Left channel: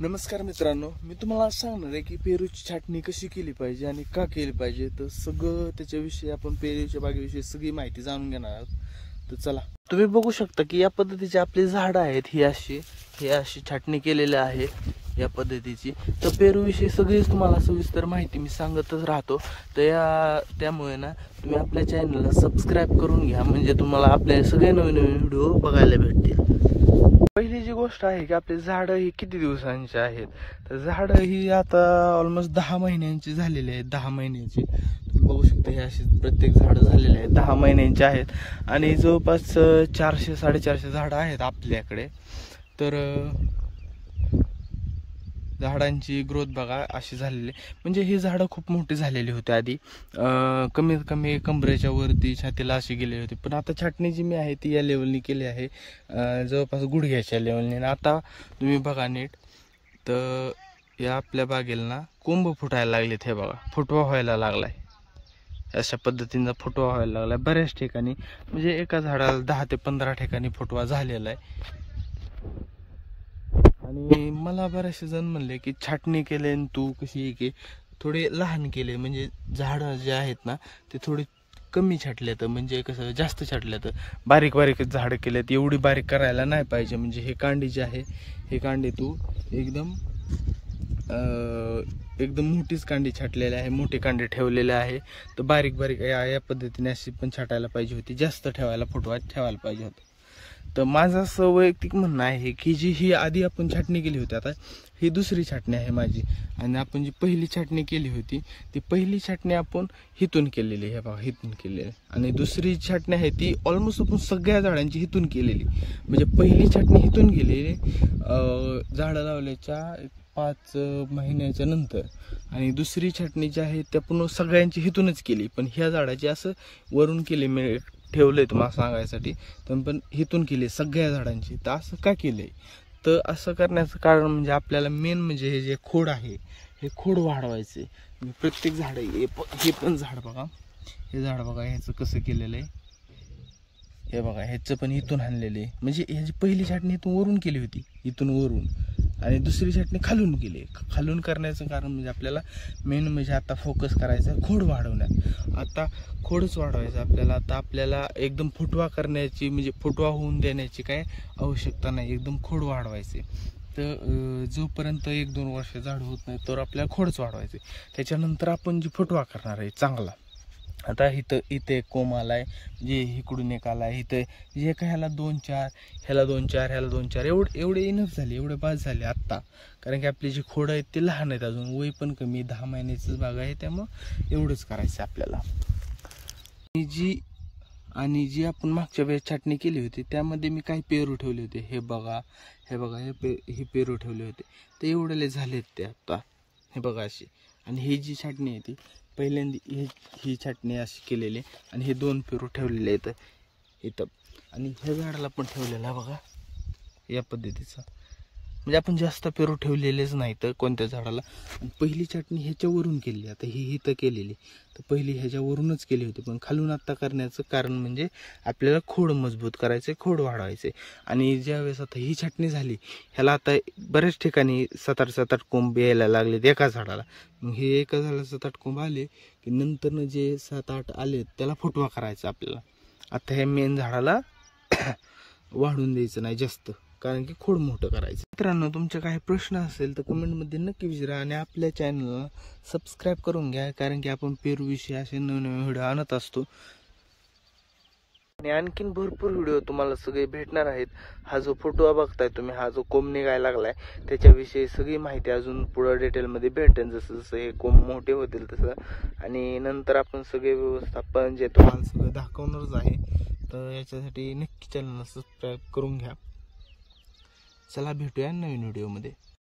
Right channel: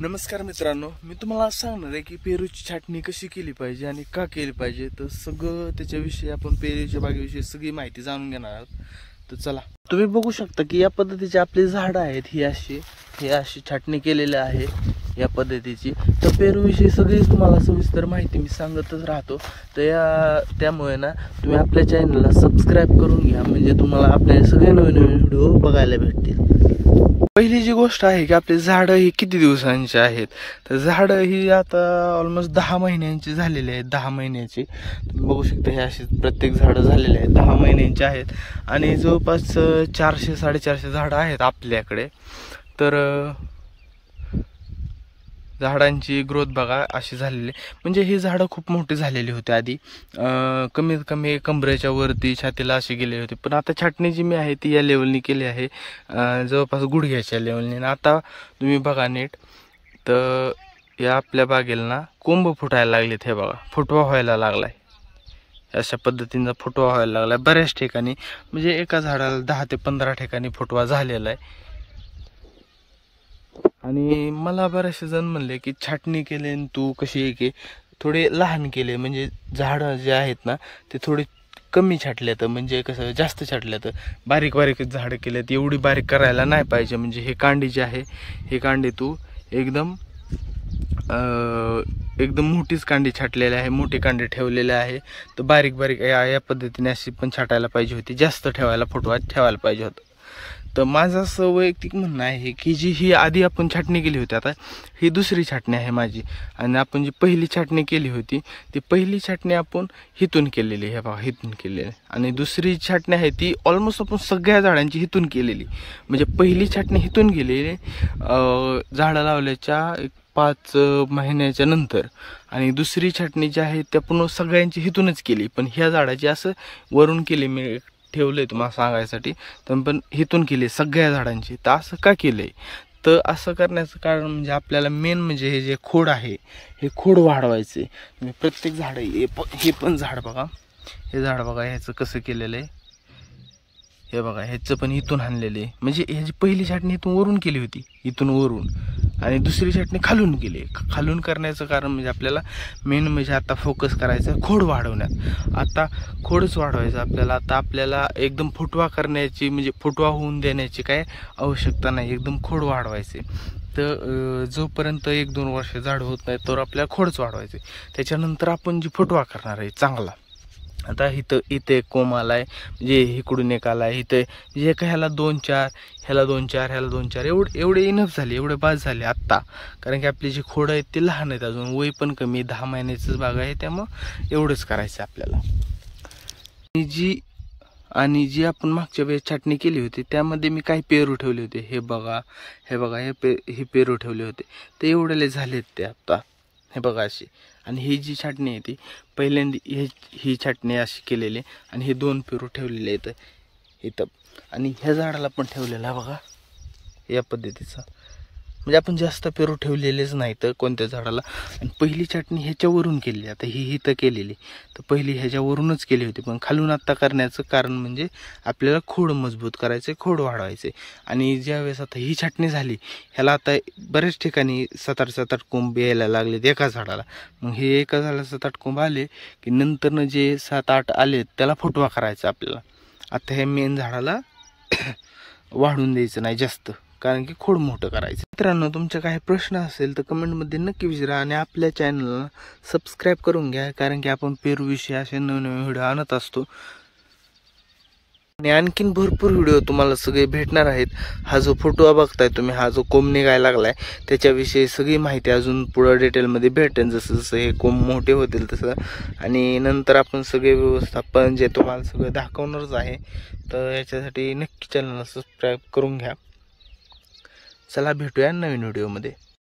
नमस्कार मित्रांनो, मी तुम्हाला सांगणार आहे की पेरूची छाटणी कशी केली पाहिजे आणि का केली पाहिजे. तर सगळं त्याच्याविषयी आपण पेरूच्या बागेविषयी सगळी माहिती जाणून घेणार आहोत. तर चला, तुम्ही बघू शकता की या पद्धतीची आपली झाडं आहेत. ही अशी छाटणी केलेली आहे या पद्धतीची. तर पेरूविषयी सगळीच तुम्हाला सविस्तर माहिती मी सांगतच राहतो. तर त्यामुळे ना तुम्ही आपल्या चॅनलला सबस्क्राईब करून घ्या, म्हणजे तुम्हाला आपले सगळे नवीन नवीन व्हिडिओ बघायला भेटतील. पहिली जी गोष्ट आहे की आपली झाडं ही किती दिवसांची आहेत. तर झाडं ही आता ऑलमोस्ट 10 महिन्यांची झालेली आहेत. 10 महिन्याची तुम्ही बघू शकता, हे अशी प्रत्येक झाडं झालेली आहेत 10 महिन्यांची आहेत. आणि जवळपास 400-450 झाडं आहेत आपल्याकडे. तर झाडांची ग्रोथ बघा अशी झालेली, म्हणजे ही झाडं खूप मोठी झालेली होती आधी. कमीत कमी कमरेच्या वरती छातीला अशी गेलेली होती. पण आता छाटणी जी मी आहे ती या लेवलनी केली आहे, जवळपास गुडघ्याच्या लेवलनी. आता तुम्ही बघा नीट, तर या आपल्या बागेला ना कोंब फुटायला लागलेत. हे बघा, फुटवा व्हायला लागलाय. अशा पद्धतीनं फुटवा व्हायला लागलाय बऱ्याच ठिकाणी, म्हणजे एका झाडाला 10 ते 15 ठिकाणी फुटवा झालेला आहे. आणि मला बरेचसे जण म्हणले की छाटणी केले आणि तू कशी आहे की थोडे लहान केले, म्हणजे झाडं जे आहेत ना ते थोडे कमी छाटलेत, म्हणजे कसं जास्त छाटलेत, बारीक बारीकच झाडं केलेत. एवढी बारीक करायला नाही पाहिजे. म्हणजे हे कांडी जे आहे, हे कांडी तू एकदम मोठीच कांडी छाटलेली आहे, मोठी कांडी ठेवलेली आहे. तर बारीक बारीक या पद्धतीने अशी पण छाटायला पाहिजे होती, जास्त फुटवा ठेवायला पाहिजे होतं. तर माझं असं वैयक्तिक म्हणणं आहे की ही आधी आपण छाटणी केली होती, आता ही दुसरी छाटणी आहे माझी. आणि आपण जी पहिली छाटणी केली होती ती पहिली छाटणी आपण हिथून केलेली, हे बघा हिथून केलेली. आणि दुसरी छाटणी आहे ती ऑलमोस्ट आपण सगळ्या झाडांची हिथून केलेली. म्हणजे पहिली छाटणी हिथून केलेली झाडं लावल्याच्या 5 महिन्याच्या नंतर, आणि दुसरी छाटणी जी आहे त्या पुन्हा सगळ्यांची हिथूनच केली. पण ह्या झाडाची असं वरून केली, मी ठेवलंय तुम्हाला सांगायसाठी. तर पण हिथून केली सगळ्या झाडांची. तर असं का केलंय, तर असं करण्याचं कारण म्हणजे आपल्याला मेन म्हणजे हे जे खोड आहे हे खोड वाढवायचे. म्हणजे प्रत्येक झाड, हे पण झाड बघा, हे झाड बघा ह्याचं कसं केलेलं आहे. हे बघा, ह्याचं पण इथून आणलेले, म्हणजे ह्याची पहिली छाटणी इथून वरून केली होती, इथून वरून, आणि दुसरी छाटणी खालून केली. खालून करण्याचं कारण म्हणजे आपल्याला मेन म्हणजे आता फोकस करायचं खोड वाढवण्यात. आता खोडच वाढवायचं आपल्याला. आता आपल्याला एकदम फुटवा करण्याची, म्हणजे फुटवा होऊन देण्याची काय आवश्यकता नाही, एकदम खोड वाढवायचे. तर जोपर्यंत 1-2 वर्ष झाड होत नाही तर आपल्याला खोडच वाढवायचे. त्याच्यानंतर आपण जी फुटवा करणार आहे चांगला. आता इथे एक कोंब आलाय, म्हणजे इकडून एक आलाय, इथे जे काय ह्याला 2-4, ह्याला 2-4, ह्याला 2-4, एवढे इनफ झाले, एवढे बाद झाले आत्ता. कारण की आपली जी खोडं आहेत ते लहान आहेत, अजून वय पण कमी, 10 महिन्याचंच बाग आहे. त्यामुळं एवढंच करायचं आपल्याला. आणि जी आपण मागच्या वेळेस छाटणी केली होती त्यामध्ये मी काही पेरू ठेवले होते. हे बघा हे पेरू ठेवले होते, ते एवढेले झालेत ते आता. हे बघा अशी. आणि ही जी छाटणी आहे ती पहिल्यांदा ही छाटणी अशी केलेली, आणि हे 2 पेरू ठेवलेले आहेत इथं. आणि ह्या झाडाला पण ठेवलेला बघा या पद्धतीचा. म्हणजे आपण जास्त पेरू ठेवलेलेच नाही तर कोणत्या झाडाला. आणि पहिली छाटणी ह्याच्यावरून केली, आता ही इथं केलेली. तर पहिली ह्याच्यावरूनच केली होती, पण खालून आत्ता करण्याचं कारण म्हणजे आपल्याला खोड मजबूत करायचे, खोड वाढवायचे. आणि ज्यावेळेस आता ही छाटणी झाली, ह्याला आता बऱ्याच ठिकाणी 7-8 कोंब यायला लागलेत एका झाडाला. मग हे एका झाडाला 7-8 कोंब आले की नंतरनं जे 7-8 आले त्याला फुटवा करायचा आपल्याला. आता हे मेन झाडाला वाढून द्यायचं नाही जास्त, कारण की खोड मोठं करायचं. मित्रांनो, तुमचे काही प्रश्न असेल तर कमेंटमध्ये नक्की विचारा, आणि आपल्या चॅनलला सबस्क्राईब करून घ्या, कारण की आपण पेरूविषयी असे नवीन व्हिडिओ आणत असतो. आणि आणखीन भरपूर व्हिडिओ तुम्हाला सगळे भेटणार आहेत. हा जो फोटो बघताय तुम्ही, हा जो कोंब निघायला लागलाय त्याच्याविषयी सगळी माहिती अजून पुढं डिटेलमध्ये भेटेल, जसं जसं हे कोंब मोठे होतील तसं. आणि नंतर आपण सगळे व्यवस्थापन जे तुम्हाला सगळं दाखवणारच आहे. तर याच्यासाठी नक्की चॅनलला सबस्क्राईब करून घ्या. चला, भेटूया नवीन व्हिडिओमध्ये.